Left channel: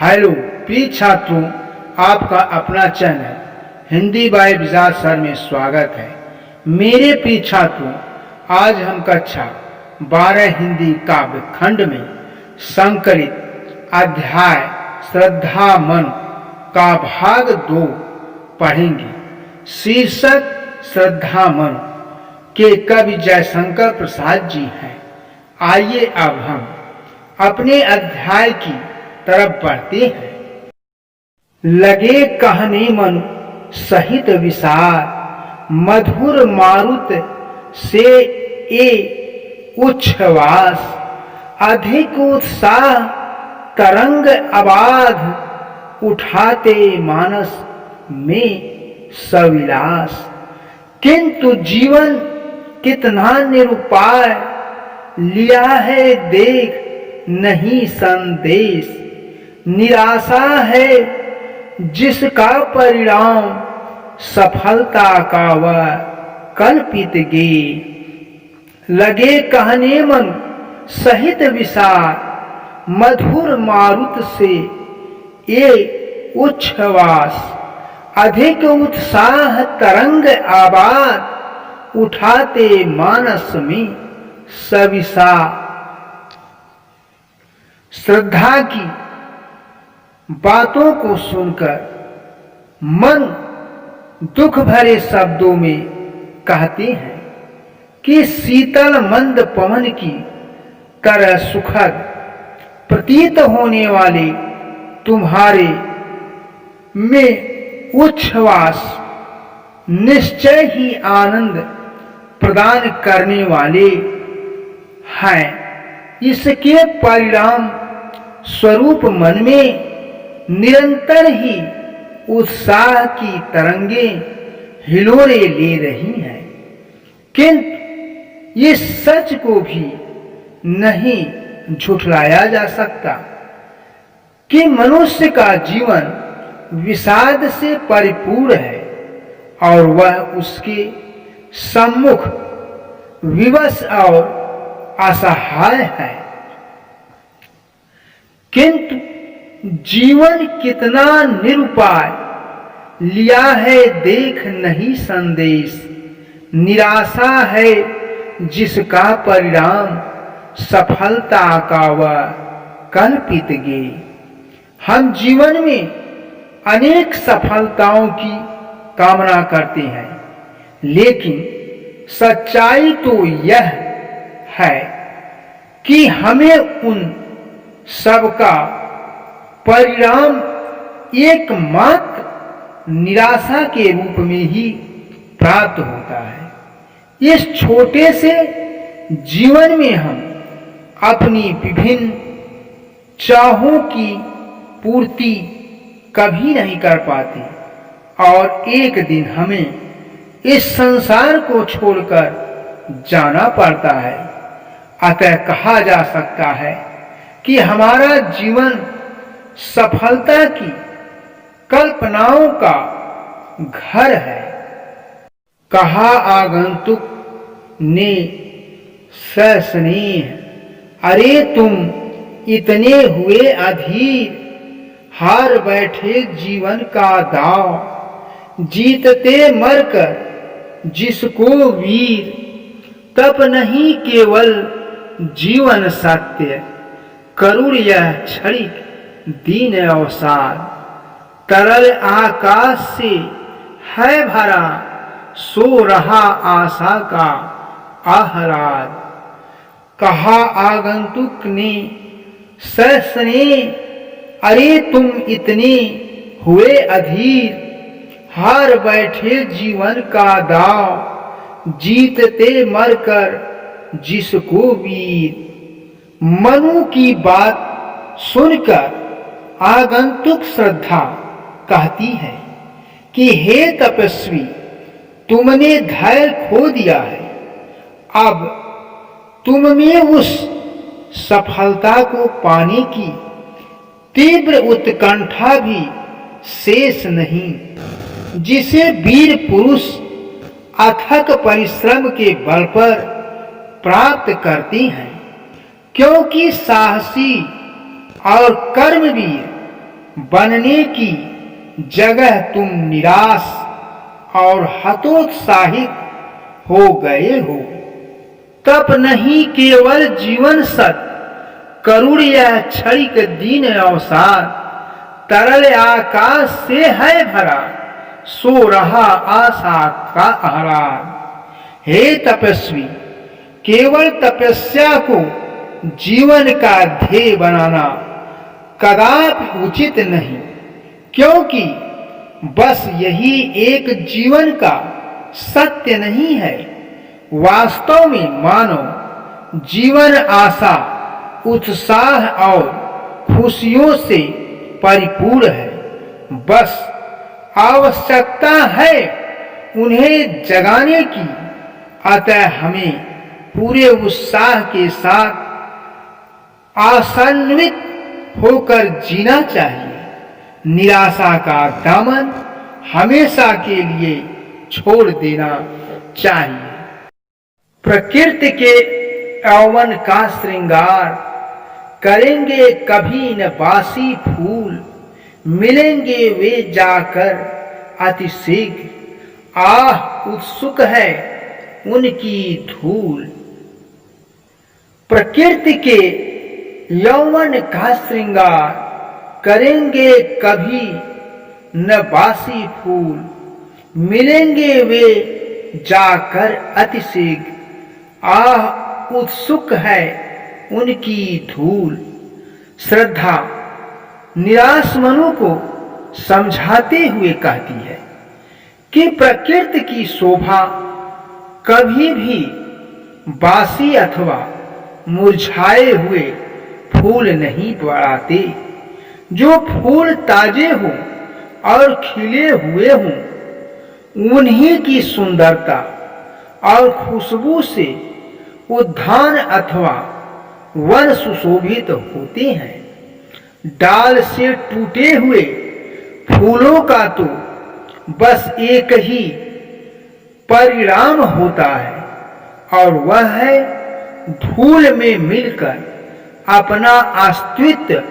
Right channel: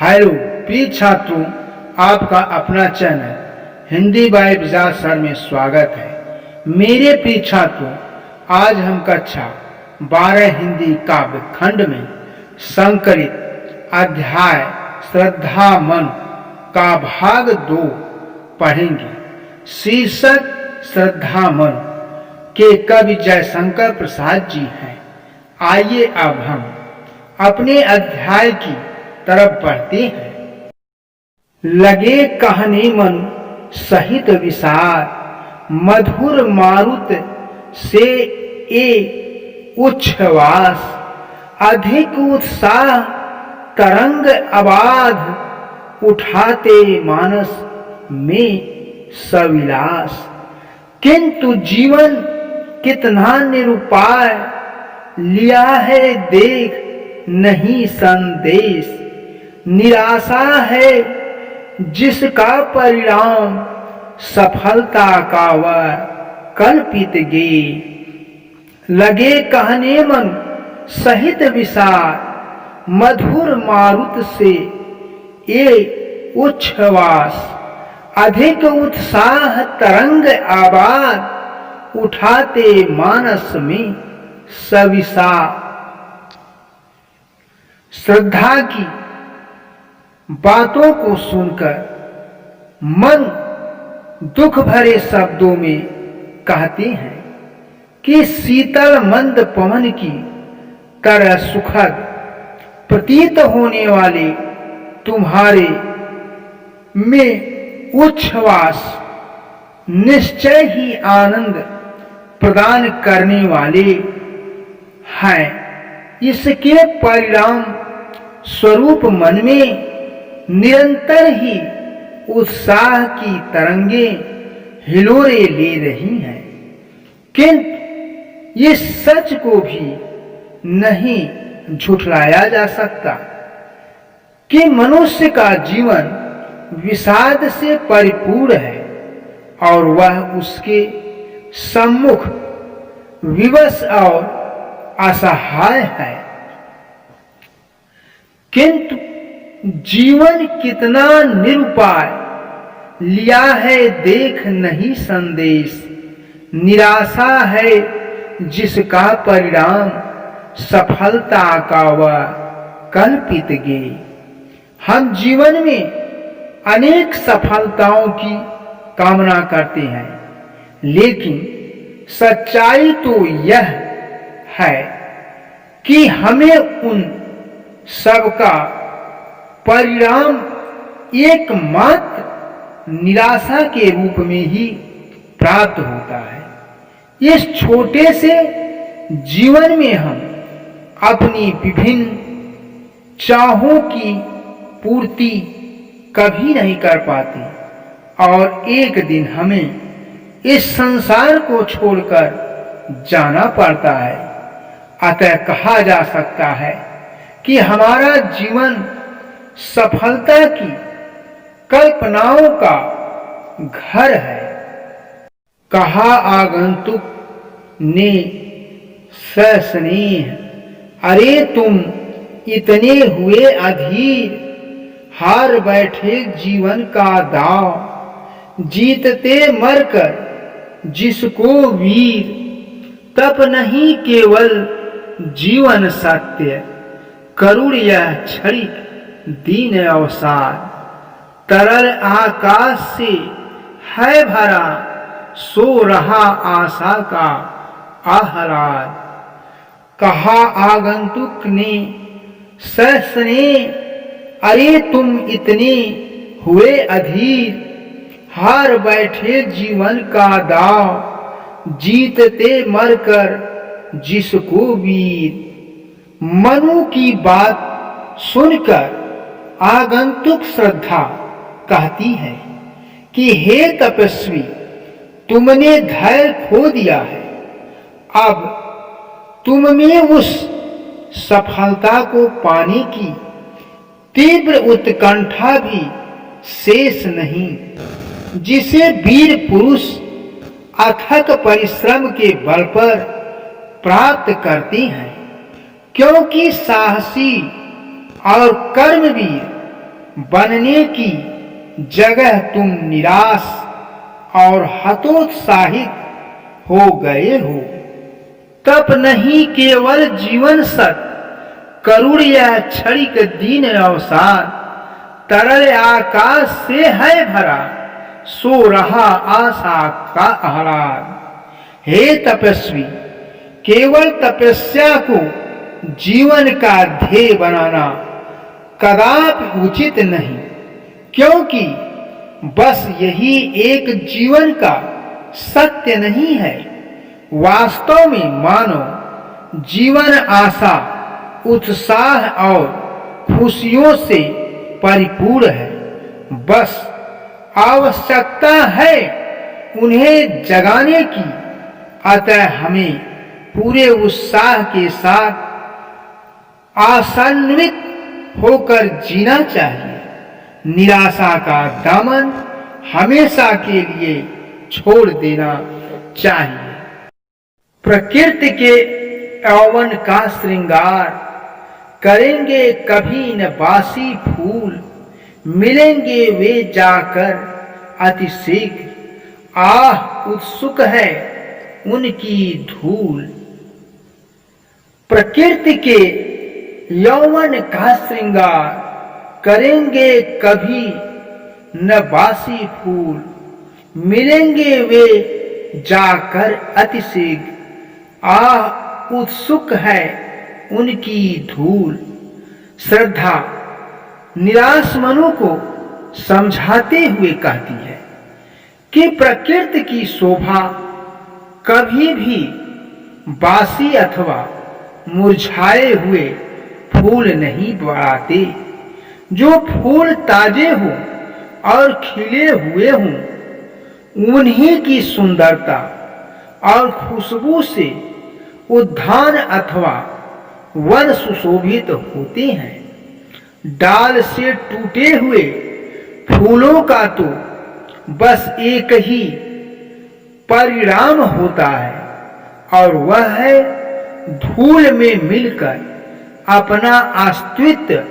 Hello प्रिय छात्रों, आपका अपना channel Hindi by Vijaj sir में स्वागत है। मेरे प्रिय छात्रों, आज हम कक्षा 12 हिंदी काव्य खंड में संकलित अध्याय श्रद्धा मन का भाग 2 पढ़ेंगे। शीर्षक श्रद्धा मन के कवि जयशंकर प्रसाद जी हैं। आइए अब हम अपने अध्याय की तरफ बढ़ते हैं। लगे कहने मनु सहित विसार, मधुर मारुत से ए उच्छ्वास, अधिक उत्साह तरंग अबाध, उठाते मानस में सविलास। किंतु जीवन कितना निरुपाय, लिया है देख नहीं संदेश। निराशा है जिसका परिणाम, सफलता का वह कल्पित गे। लगे कहने मन सहित विसार, मधुर मारुत से ये उच्छ्वास, अधिक उत्साह तरंग आबाद, उठाते मानस में सविसा। श्रद्धा की बातों को सुनकर मन दुख भरे शब्दों में कहते हैं कि शीतल मंद पवन की तरह सुखद प्रतीत होने वाले तुम्हारे में उच्छ्वास निश्चय ही आनंद प्रदान करने वाले हैं। इसके परिणाम स्वरूप मन में निरंतर ही उत्साह की तरंगें हिलोरे ले रही हैं। किंतु इस सच को भी नहीं झुठलाया जा सकता कि मनुष्य का जीवन विषाद से परिपूर्ण है और वह उसके सम्मुख विवश और असहाय है। किंतु जीवन कितना निरुपाय, लिया है देख नहीं संदेश। निराशा है जिसका परिणाम, सफलता का वह कल्पित गे। हम जीवन में अनेक सफलताओं की कामना करते हैं, लेकिन सच्चाई तो यह है कि हमें उन सबका परिणाम एकमात्र निराशा के रूप में ही प्राप्त होता है। इस छोटे से जीवन में हम अपनी विभिन्न चाहों की पूर्ति कभी नहीं कर पाते और एक दिन हमें इस संसार को छोड़कर जाना पड़ता है। अतः कहा जा सकता है कि हमारा जीवन सफलता की कल्पनाओं का घर है। कहा आगंतुक ने सस्नेह, अरे तुम इतने हुए अधीर, हार बैठे जीवन का दाव। जीतते मरकर जिसको वीर, तप नहीं केवल जीवन सत्य। करुण यह क्षणिक दीन अवसाद, तरल आकाश से है भरा, सो रहा आशा का आह्लाद। कहा आगंतुक ने सस्ने, अरे तुम इतने हुए अधीर, हार बैठे जीवन का दाव। जीतते मरकर जिसको वीर। मनु की बात सुनकर आगंतुक श्रद्धा कहती है कि हे तपस्वी, तुमने धैर्य खो दिया है। अब तुम में उस सफलता को पाने की तीव्र उत्कंठा भी शेष नहीं, जिसे वीर पुरुष अथक परिश्रम के बल पर प्राप्त करते हैं। क्योंकि साहसी और कर्मवीर बनने की जगह तुम निराश और हतोत्साहित हो गए हो। तप नहीं केवल जीवन सत, करुण यह क्षणिक दीन अवसाद, तरल आकाश से है भरा, सो रहा आशा का आह्लाद। हे तपस्वी, केवल तपस्या को जीवन का ध्येय बनाना कदापि उचित नहीं, क्योंकि बस यही एक जीवन का सत्य नहीं है। वास्तव में मानव जीवन आशा, उत्साह और खुशियों से परिपूर्ण है। बस आवश्यकता है उन्हें जगाने की। अतः हमें पूरे उत्साह के साथ आशान्वित होकर जीना चाहिए। निराशा का दामन हमेशा के लिए छोड़ देना चाहिए। प्रकृति के यौवन का श्रृंगार करेंगे कभी न बासी फूल, मिलेंगे वे जाकर अति शीघ्र, आह उत्सुक है उनकी धूल। प्रकृति के यौवन का श्रृंगार करेंगे कभी न बासी फूल, मिलेंगे वे जाकर अति शीघ्र, आह उत्सुक है उनकी धूल। श्रद्धा निराश मनु को समझाते हुए कहती है कि प्रकृति की शोभा कभी भी बासी अथवा मुरझाए हुए फूल नहीं बढ़ाते। जो फूल ताजे हों और खिले हुए हों, उन्हीं की सुंदरता और खुशबू से उद्यान अथवा वन सुशोभित होते हैं। डाल से टूटे हुए फूलों का तो बस एक ही परिणाम होता है, और वह है धूल में मिलकर अपना अस्तित्व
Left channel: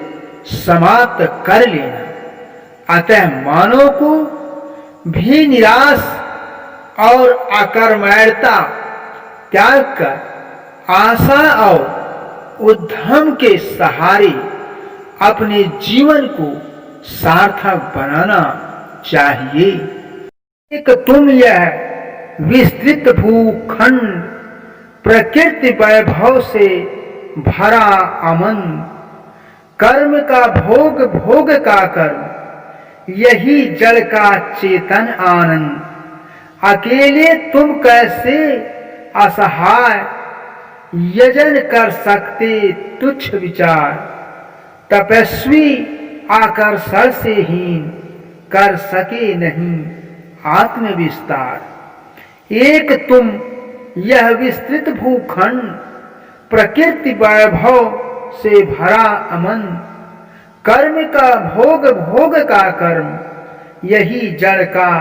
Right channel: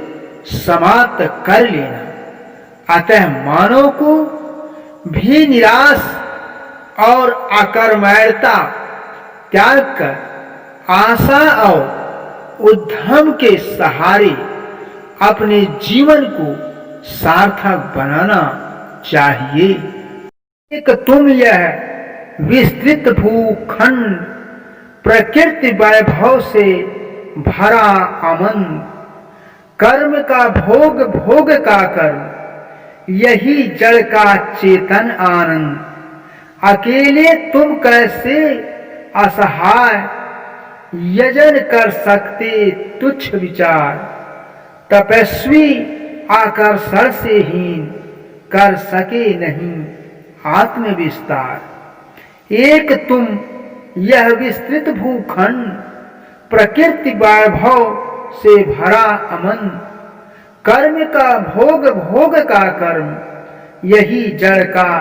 समाप्त कर लेना। अतः मानव को भी निराश और अकर्मण्यता त्याग कर आशा और उद्यम के सहारे अपने जीवन को सार्थक बनाना चाहिए। एक तुम यह विस्तृत भूखंड प्रकृति वैभव से भरा अमन, कर्म का भोग भोग का कर्म, यही जड़ का चेतन आनंद। अकेले तुम कैसे असहाय यजन कर सकते तुच्छ विचार, तपस्वी आकर्षण से हीन कर सके नहीं आत्मविस्तार। एक तुम यह विस्तृत भूखंड प्रकृति वैभव से भरा अमन, कर्म का भोग भोग का कर्म, यही जड़ का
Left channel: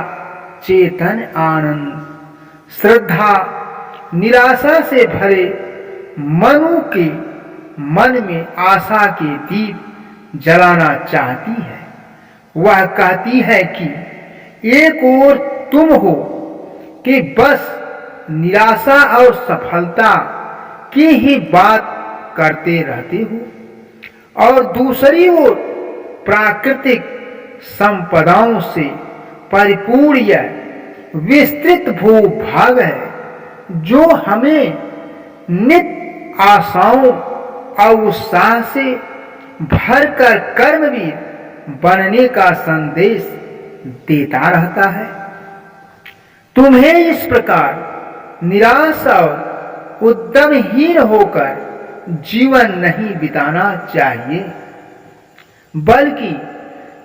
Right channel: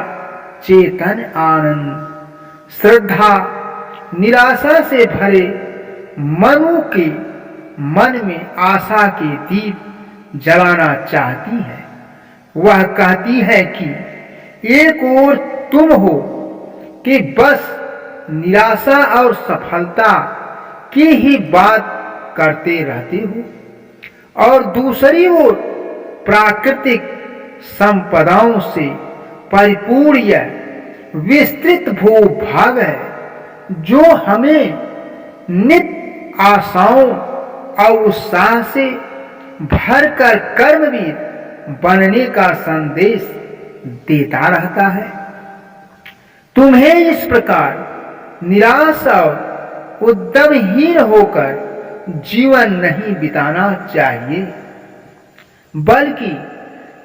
चेतन आनंद। श्रद्धा निराशा से भरे मनु के मन में आशा के दीप जलाना चाहती है। वह कहती है कि एक ओर तुम हो कि बस निराशा और सफलता की ही बात करते रहते हो, और दूसरी ओर प्राकृतिक संपदाओं से परिपूर्ण यह विस्तृत भूभाग है, जो हमें नित्य आशाओं और उत्साह से भरकर कर्मवीर बनने का संदेश देता रहता है। तुम्हें इस प्रकार निराश और उद्यमहीन होकर जीवन नहीं बिताना चाहिए, बल्कि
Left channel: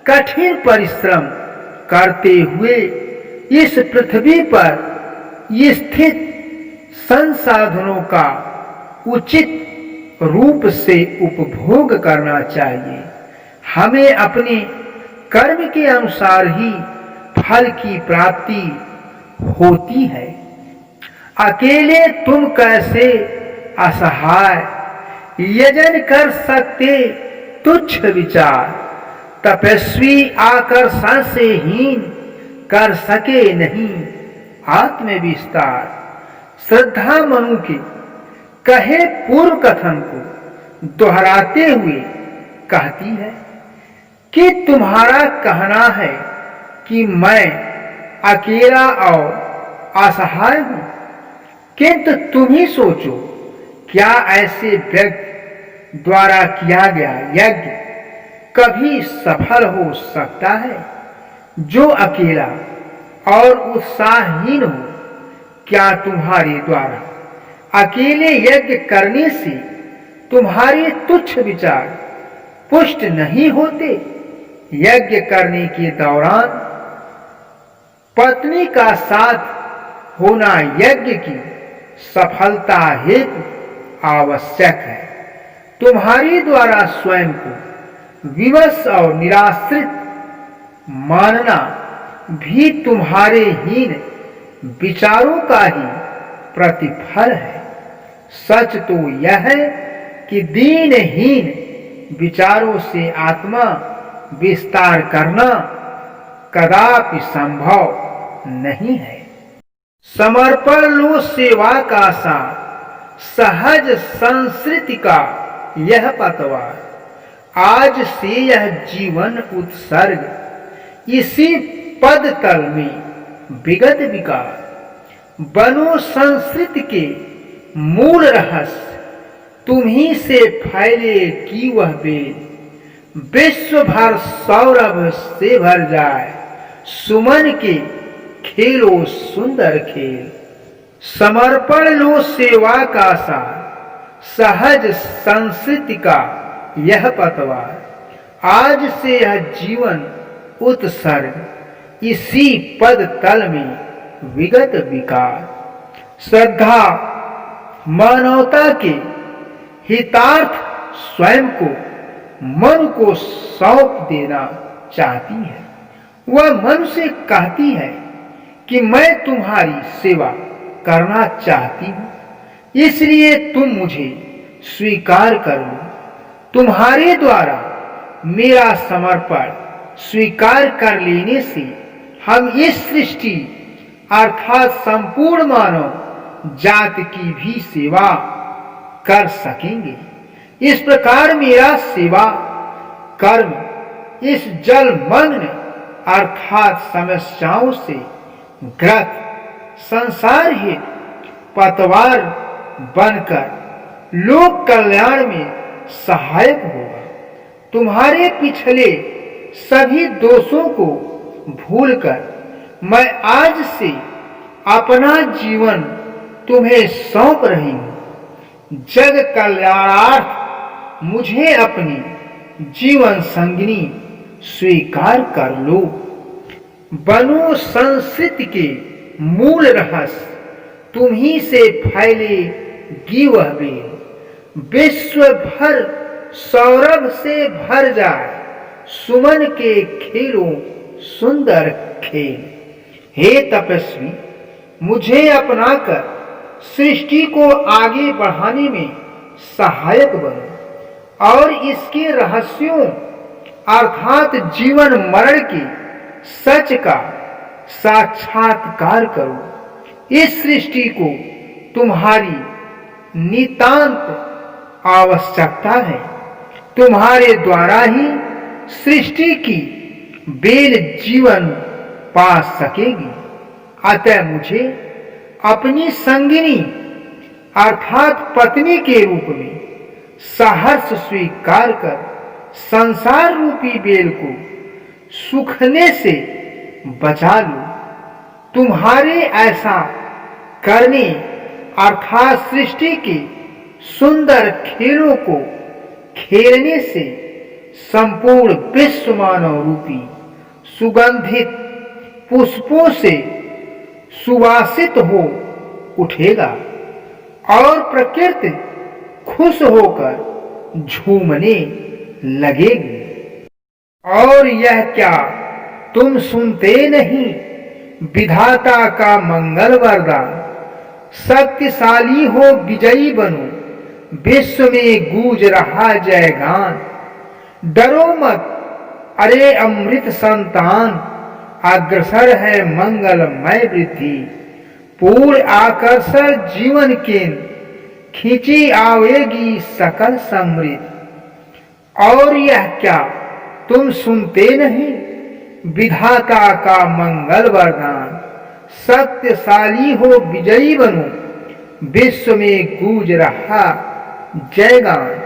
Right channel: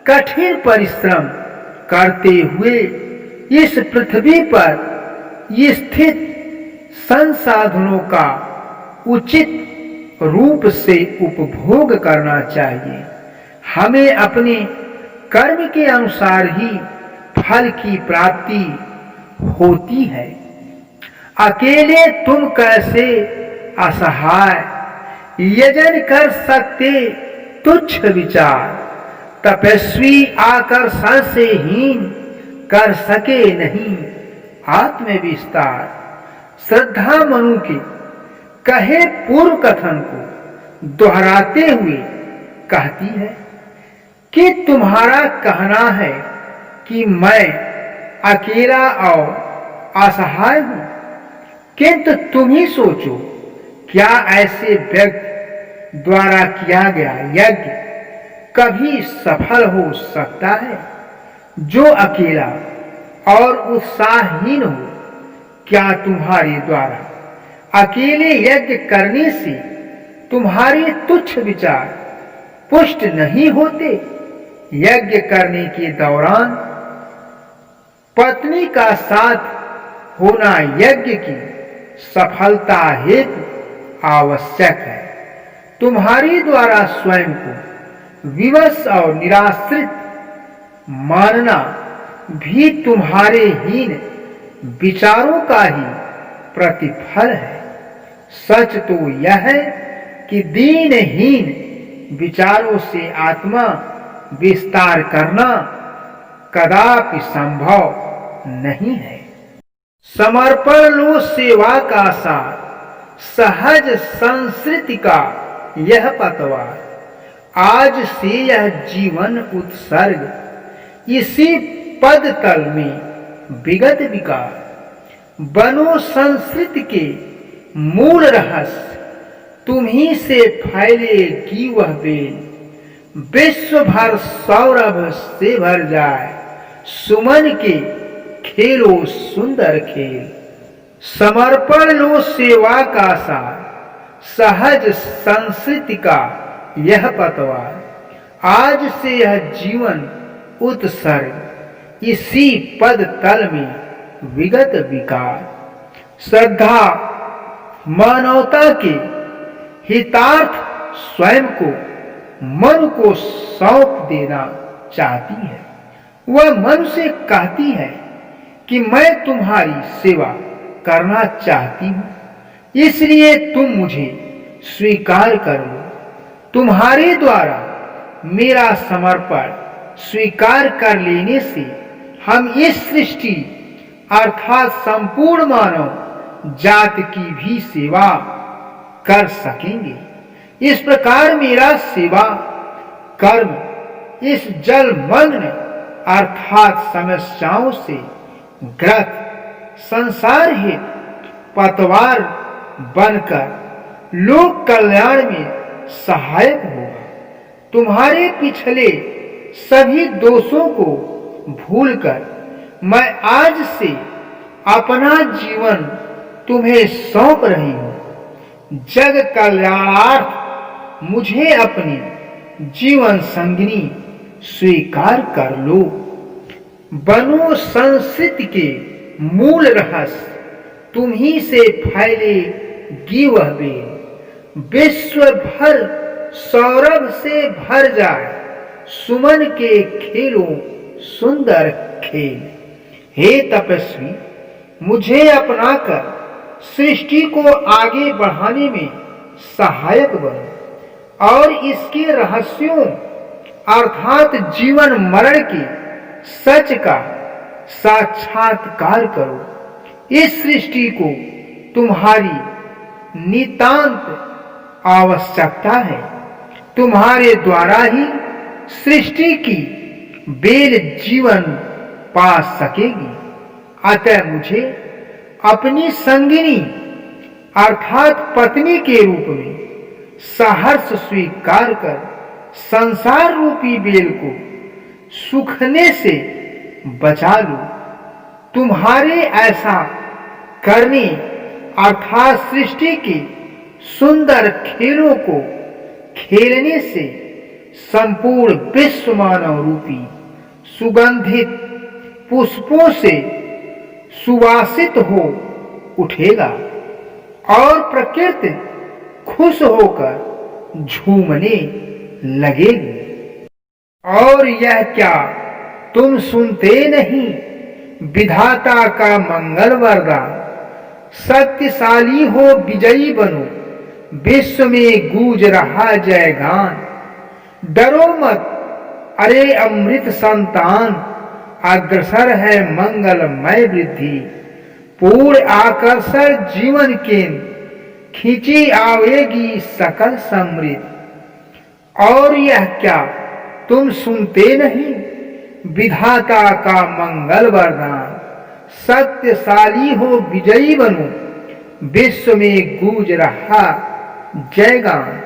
कठिन परिश्रम करते हुए इस पृथ्वी पर स्थित संसाधनों का उचित रूप से उपभोग करना चाहिए। हमें अपने कर्म के अनुसार ही फल की प्राप्ति होती है। अकेले तुम कैसे असहाय यजन कर सकते तुच्छ विचार, तपस्वी आकर्षण से हीन कर सके नहीं आत्म विस्तार। श्रद्धा मनु के कहे पूर्व कथन को दोहराते हुए कहती है कि तुम्हारा कहना है कि मैं अकेला और असहाय हूं, किंतु तुम ही सोचो, क्या ऐसे व्यक्ति द्वारा किया गया यज्ञ कभी सफल हो सकता है जो अकेला और उत्साहहीन हो? क्या तुम्हारे द्वारा अकेले यज्ञ करने से तुम्हारे तुच्छ विचार पुष्ट नहीं होते? यज्ञ करने के दौरान पत्नी का साथ होना यज्ञ की सफलता हेतु आवश्यक है। तुम्हारे द्वारा स्वयं को विवश और निराश्रित मानना भी तुम्हारे हीन विचारों का ही प्रतिफल है। सच तो यह है कि दीनहीन विचारों से आत्मा विस्तार करना कदापि संभव नहीं है। समर्पण लो सेवा का सार, सहज संस्कृति का यह पतवार। आज से यह जीवन उत्सर्ग इसी पद तल में विगत विकार। बनो संस्कृति के मूल रहस्य, तुम्ही से फैलेगी वह बेल। विश्व भर सौरभ से भर जाए, सुमन के खेलो सुंदर खेल। समर्पण लो सेवा का सार, सहज संस्कृति का यह पतवार। आज से यह जीवन उत्सर्ग इसी पद तल में विगत विकार। श्रद्धा मानवता के हितार्थ स्वयं को मन को सौंप देना चाहती है। वह मन से कहती है कि मैं तुम्हारी सेवा करना चाहती हूं, इसलिए तुम मुझे स्वीकार कर लो। तुम्हारे द्वारा मेरा समर्पण स्वीकार कर लेने से हम इस सृष्टि अर्थात संपूर्ण मानव जाति की भी सेवा कर सकेंगे। इस प्रकार मेरा सेवा कर्म इस जलमग्न अर्थात समस्याओं से ग्रस्त संसार हेतु पतवार बनकर लोक कल्याण में सहायक होगा। तुम्हारे पिछले सभी दोषों को भूलकर मैं आज से अपना जीवन तुम्हें सौंप रही हूं। जग कल्याणार्थ मुझे अपनी जीवन संगिनी स्वीकार कर लो। बनो संस्कृति के मूल रहस्य, तुम्ही से फैलेगी वह बेल। विश्व भर सौरभ से भर जाए, सुमन के खेलों सुंदर खेल। हे तपस्वी, मुझे अपनाकर सृष्टि को आगे बढ़ाने में सहायक बनो और इसके रहस्यों अर्थात जीवन मरण के सच का साक्षात्कार करो। इस सृष्टि को तुम्हारी नितांत आवश्यकता है। तुम्हारे द्वारा ही सृष्टि की बेल जीवन पा सकेगी। अतः मुझे अपनी संगिनी अर्थात पत्नी के रूप में सहर्ष स्वीकार कर संसार रूपी बेल को सूखने से बचा लो। तुम्हारे ऐसा करने अर्थात सृष्टि के सुंदर खेलों को खेलने से संपूर्ण विश्व मानव रूपी सुगंधित पुष्पों से सुवासित हो उठेगा और प्रकृति खुश होकर झूमने लगेगी। और यह क्या तुम सुनते नहीं, विधाता का मंगल वरदान। शक्तिशाली हो विजयी बनो, विश्व में गूंज रहा जयगान। डरो मत अरे अमृत संतान, अग्रसर है मंगलमय वृद्धि। पूर्ण आकर्षण जीवन केंद्र, खींची आवेगी सकल समृद्धि। और यह क्या तुम सुनते नहीं, विधाता का मंगल वरदान। सत्यशाली हो विजयी बनो, विश्व में गूंज रहा जयगान।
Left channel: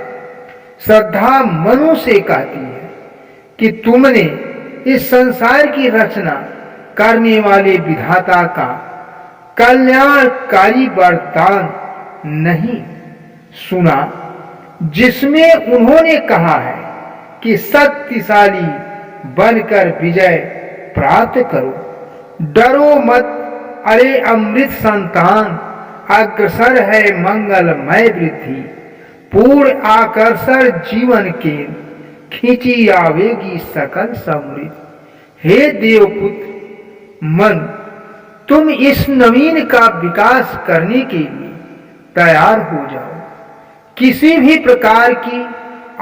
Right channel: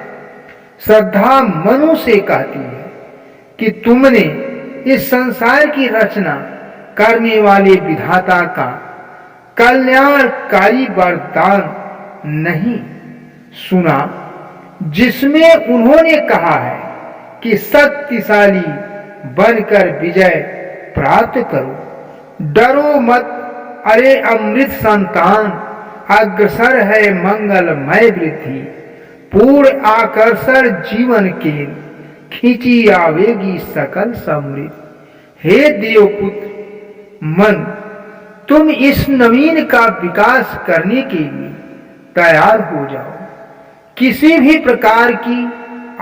श्रद्धा मनु से कहती है कि तुमने इस संसार की रचना करने वाले विधाता का कल्याणकारी वरदान नहीं सुना, जिसमें उन्होंने कहा है कि शक्तिशाली बनकर विजय प्राप्त करो। डरो मत अरे अमृत संतान, अग्रसर है मंगलमय वृद्धि। पूर्ण आकर्षण जीवन के, खींची आवेगी सकल समृद्धि। हे देवपुत्र मन, तुम इस नवीन का विकास करने के लिए तैयार हो जाओ। किसी भी प्रकार की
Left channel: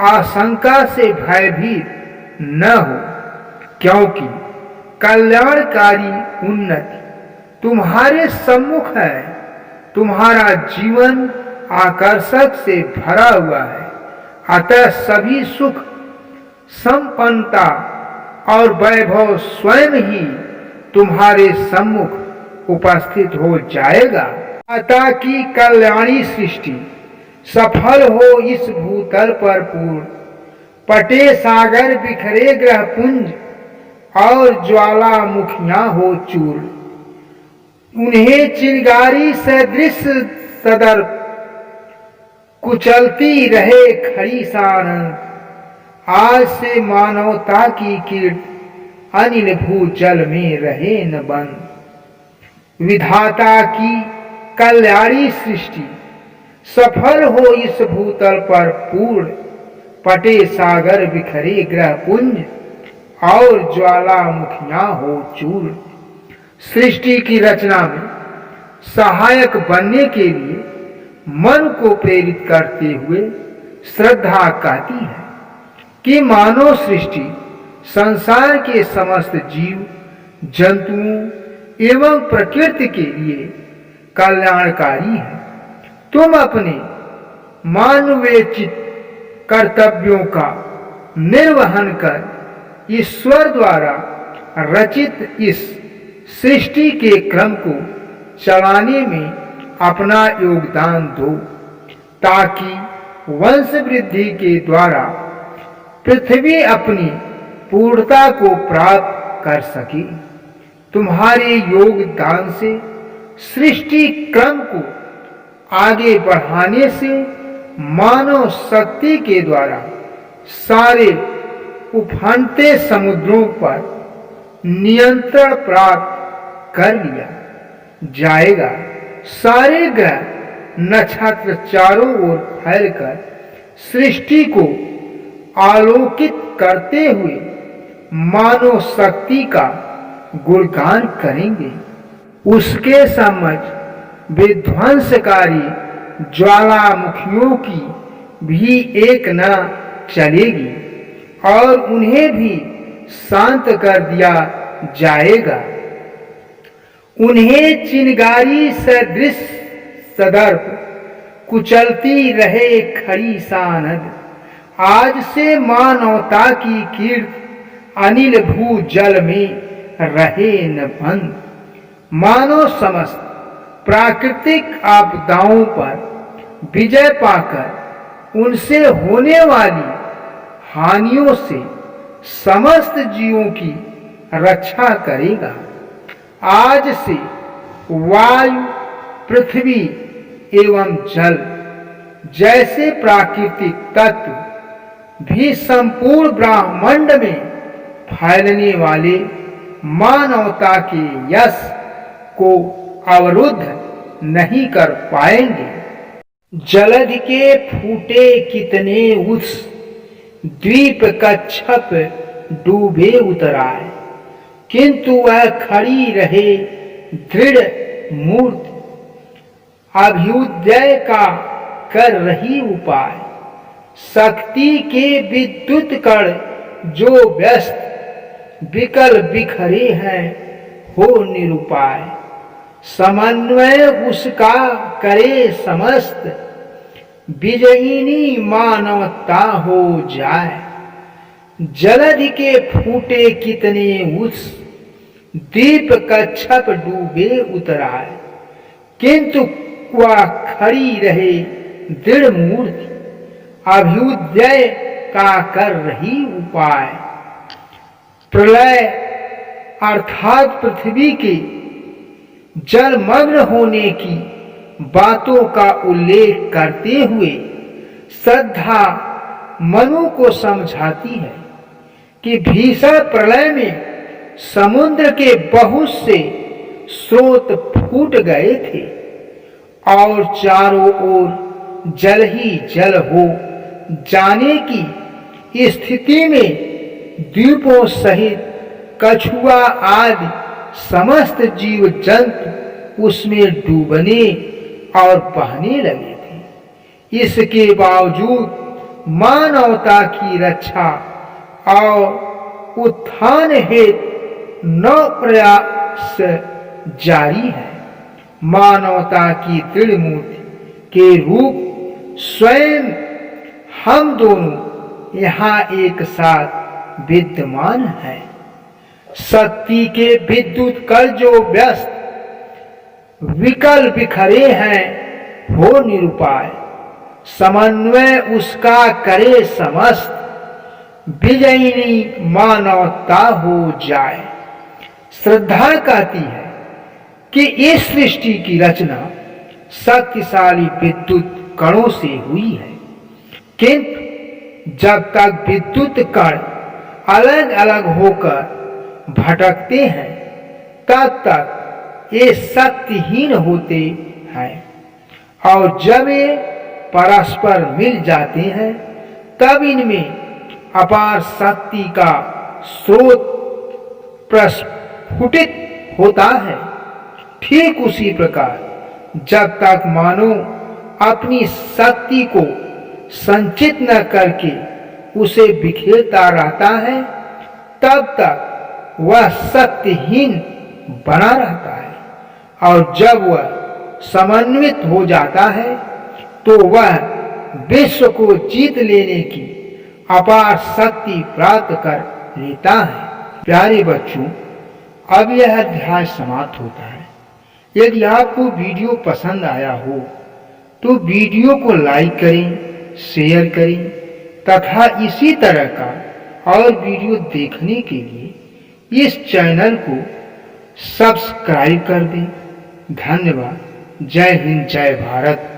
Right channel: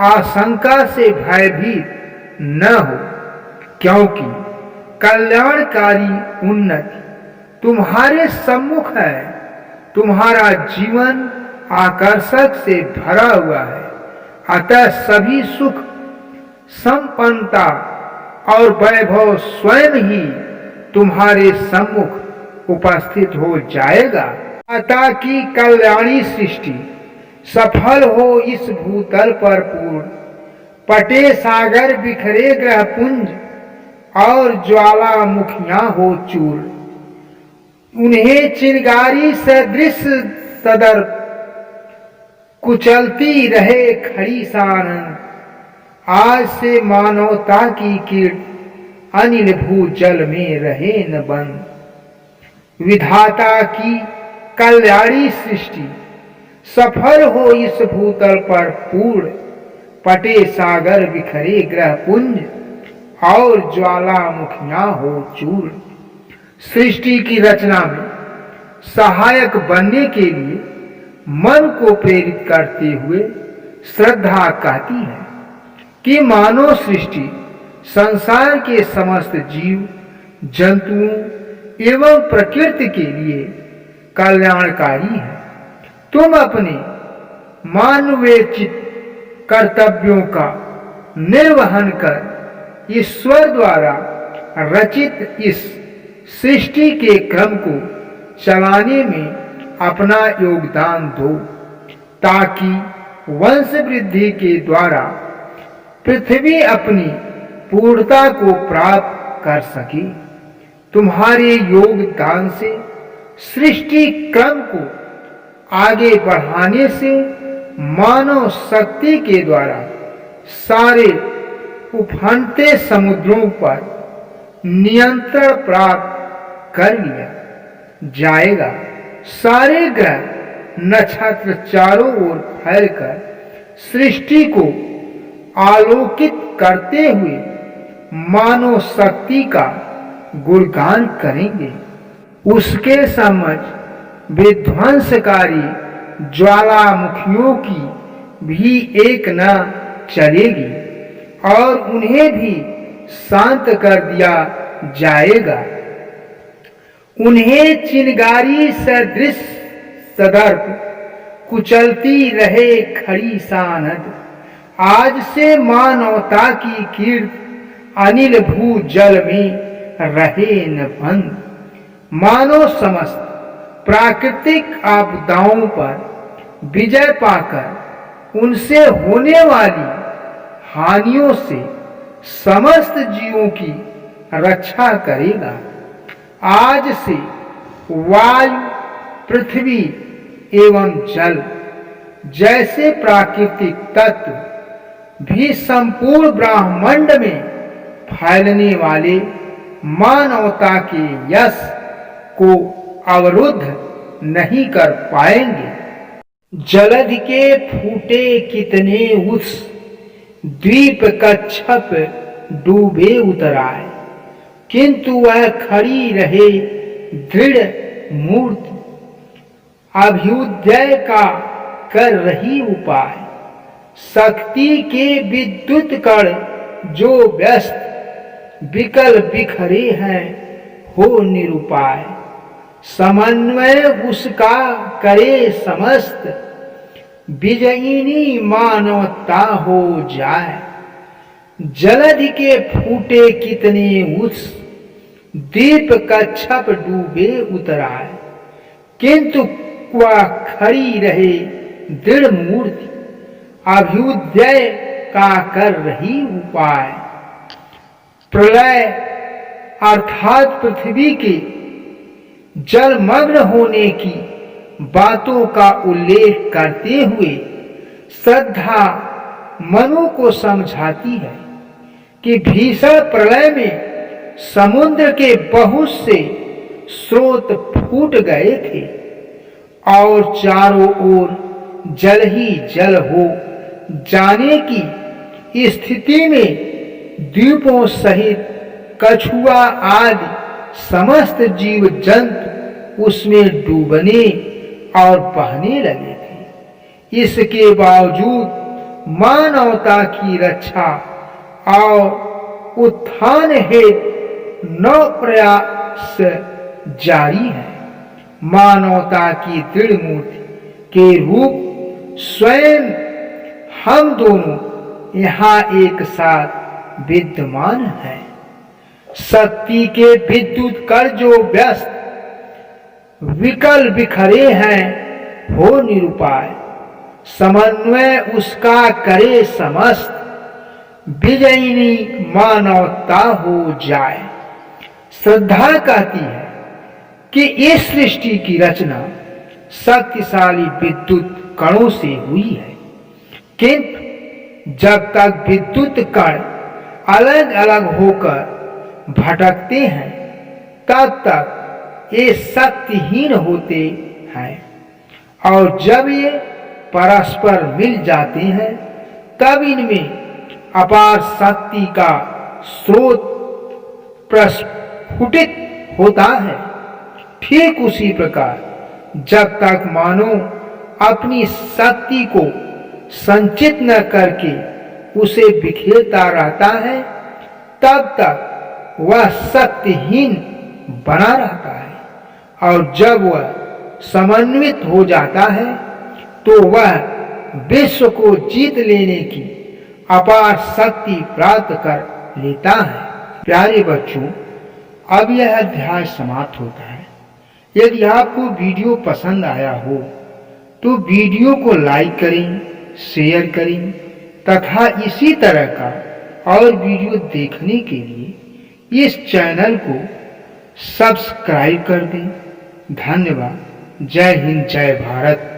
आशंका से भयभीत न हो, क्योंकि कल्याणकारी उन्नति तुम्हारे सम्मुख है। तुम्हारा जीवन आकर्षक से भरा हुआ है, अतः सभी सुख, संपन्नता और वैभव स्वयं ही तुम्हारे सम्मुख उपस्थित हो जाएगा। अतः की कल्याणी सृष्टि सफल हो इस भूतल पर पूर्ण, पटे सागर बिखरे ग्रह पुंज और ज्वालामुखियां हो चूर्ण। उन्हें चिंगारी सदृश सदर कुचलती रहे खड़ी सानंद। आज से मानवता की कीर्ति अनिल भूजल में रहे न बंद। विधाता की कल्याणी सृष्टि सफल हो इस भूतल पर पूर्ण, पटे सागर बिखरे ग्रह पुंज और ज्वालामुखियां हो चूर्ण। सृष्टि की रचना में सहायक बनने के लिए मन को प्रेरित करते हुए श्रद्धा कहती है कि मानव सृष्टि संसार के समस्त जीव जंतुओं एवं प्रकृति के लिए कल्याणकारी है। तुम अपने मानवेचित कर्तव्यों का निर्वहन कर ईश्वर द्वारा रचित इस सृष्टि के क्रम को चलाने में अपना योगदान दो, ताकि वंश वृद्धि के द्वारा पृथ्वी अपनी पूर्णता को प्राप्त कर सके। तुम्हारे योगदान से सृष्टि क्रम को आगे बढ़ाने से मानव शक्ति के द्वारा सारे उफनते समुद्रों पर नियंत्रण प्राप्त कर लिया जाएगा। सारे ग्रह नक्षत्र चारों ओर फैलकर सृष्टि को आलोकित करते हुए मानव शक्ति का गुणगान करेंगे। उसके समझ विध्वंसकारी ज्वालामुखियों की भी एक न चलेगी और उन्हें भी शांत कर दिया जाएगा। उन्हें चिंगारी सदृश सदर्प कुचलती रहे खड़ी सानद। आज से मानवता की कीर्ति अनिल भू जल में रहे न बंद। मानव समस्त प्राकृतिक आपदाओं पर विजय पाकर उनसे होने वाली हानियों से समस्त जीवों की रक्षा करेगा। आज से वायु, पृथ्वी एवं जल जैसे प्राकृतिक तत्व भी संपूर्ण ब्रह्मांड में फैलने वाले मानवता के यश को अवरुद्ध नहीं कर पाएंगे। जलधि के फूटे कितने उत्स, द्वीप कच्छप डूबे उतराए, किंतु वह खड़ी रहे दृढ़ मूर्ति। अभ्युदय का कर रही उपाय, शक्ति के विद्युत कण जो व्यस्त, विकल बिखरे हैं हो निरुपाय। समन्वय उसका करे समस्त, विजयिनी मानवता हो जाए। जलधि के फूटे कितने उस, दीप कच्छप डूबे उतराए। किंतु वह खड़ी रहे दृढ़ मूर्ति, अभ्युदय का कर रही उपाय। प्रलय अर्थात पृथ्वी के जलमग्न होने की बातों का उल्लेख करते हुए श्रद्धा मनु को समझाती है कि भीषण प्रलय में समुद्र के बहुत से स्रोत फूट गए थे और चारों ओर जल ही जल हो जाने की स्थिति में द्वीपों सहित कछुआ आदि समस्त जीव जंतु उसमें डूबने और बहने लगे थे। इसके बावजूद मानवता की रक्षा और उत्थान हेतु नव प्रयास जारी है। मानवता की दृढ़ मूर्ति के रूप स्वयं हम दोनों यहाँ एक साथ विद्यमान है। शक्ति के विद्युत कर जो व्यस्त, विकल बिखरे हैं हो निरुपाय। समन्वय उसका करे समस्त, विजयिनी मानवता हो जाए। श्रद्धा कहती है कि इस सृष्टि की रचना शक्तिशाली विद्युत कणों से हुई है, किंतु जब तक विद्युत कण अलग अलग होकर भटकते हैं तब तक ये शक्तिहीन होते हैं, और जब ये परस्पर मिल जाते हैं तब इनमें अपार शक्ति का स्रोत प्रस्फुटित होता है। ठीक उसी प्रकार जब तक मानव अपनी शक्ति को संचित न करके उसे बिखेरता रहता है तब तक वह शक्तिहीन बना रहता है, और जब वह समन्वित हो जाता है तो वह विश्व को जीत लेने की अपार शक्ति प्राप्त कर लेता है। प्यारे बच्चों, अब यह अध्याय समाप्त होता है। यदि आपको वीडियो पसंद आया हो तो वीडियो को लाइक करें, शेयर करें तथा इसी तरह का और वीडियो देखने के लिए इस चैनल को सब्सक्राइब कर दें। धन्यवाद। जय हिंद, जय भारत।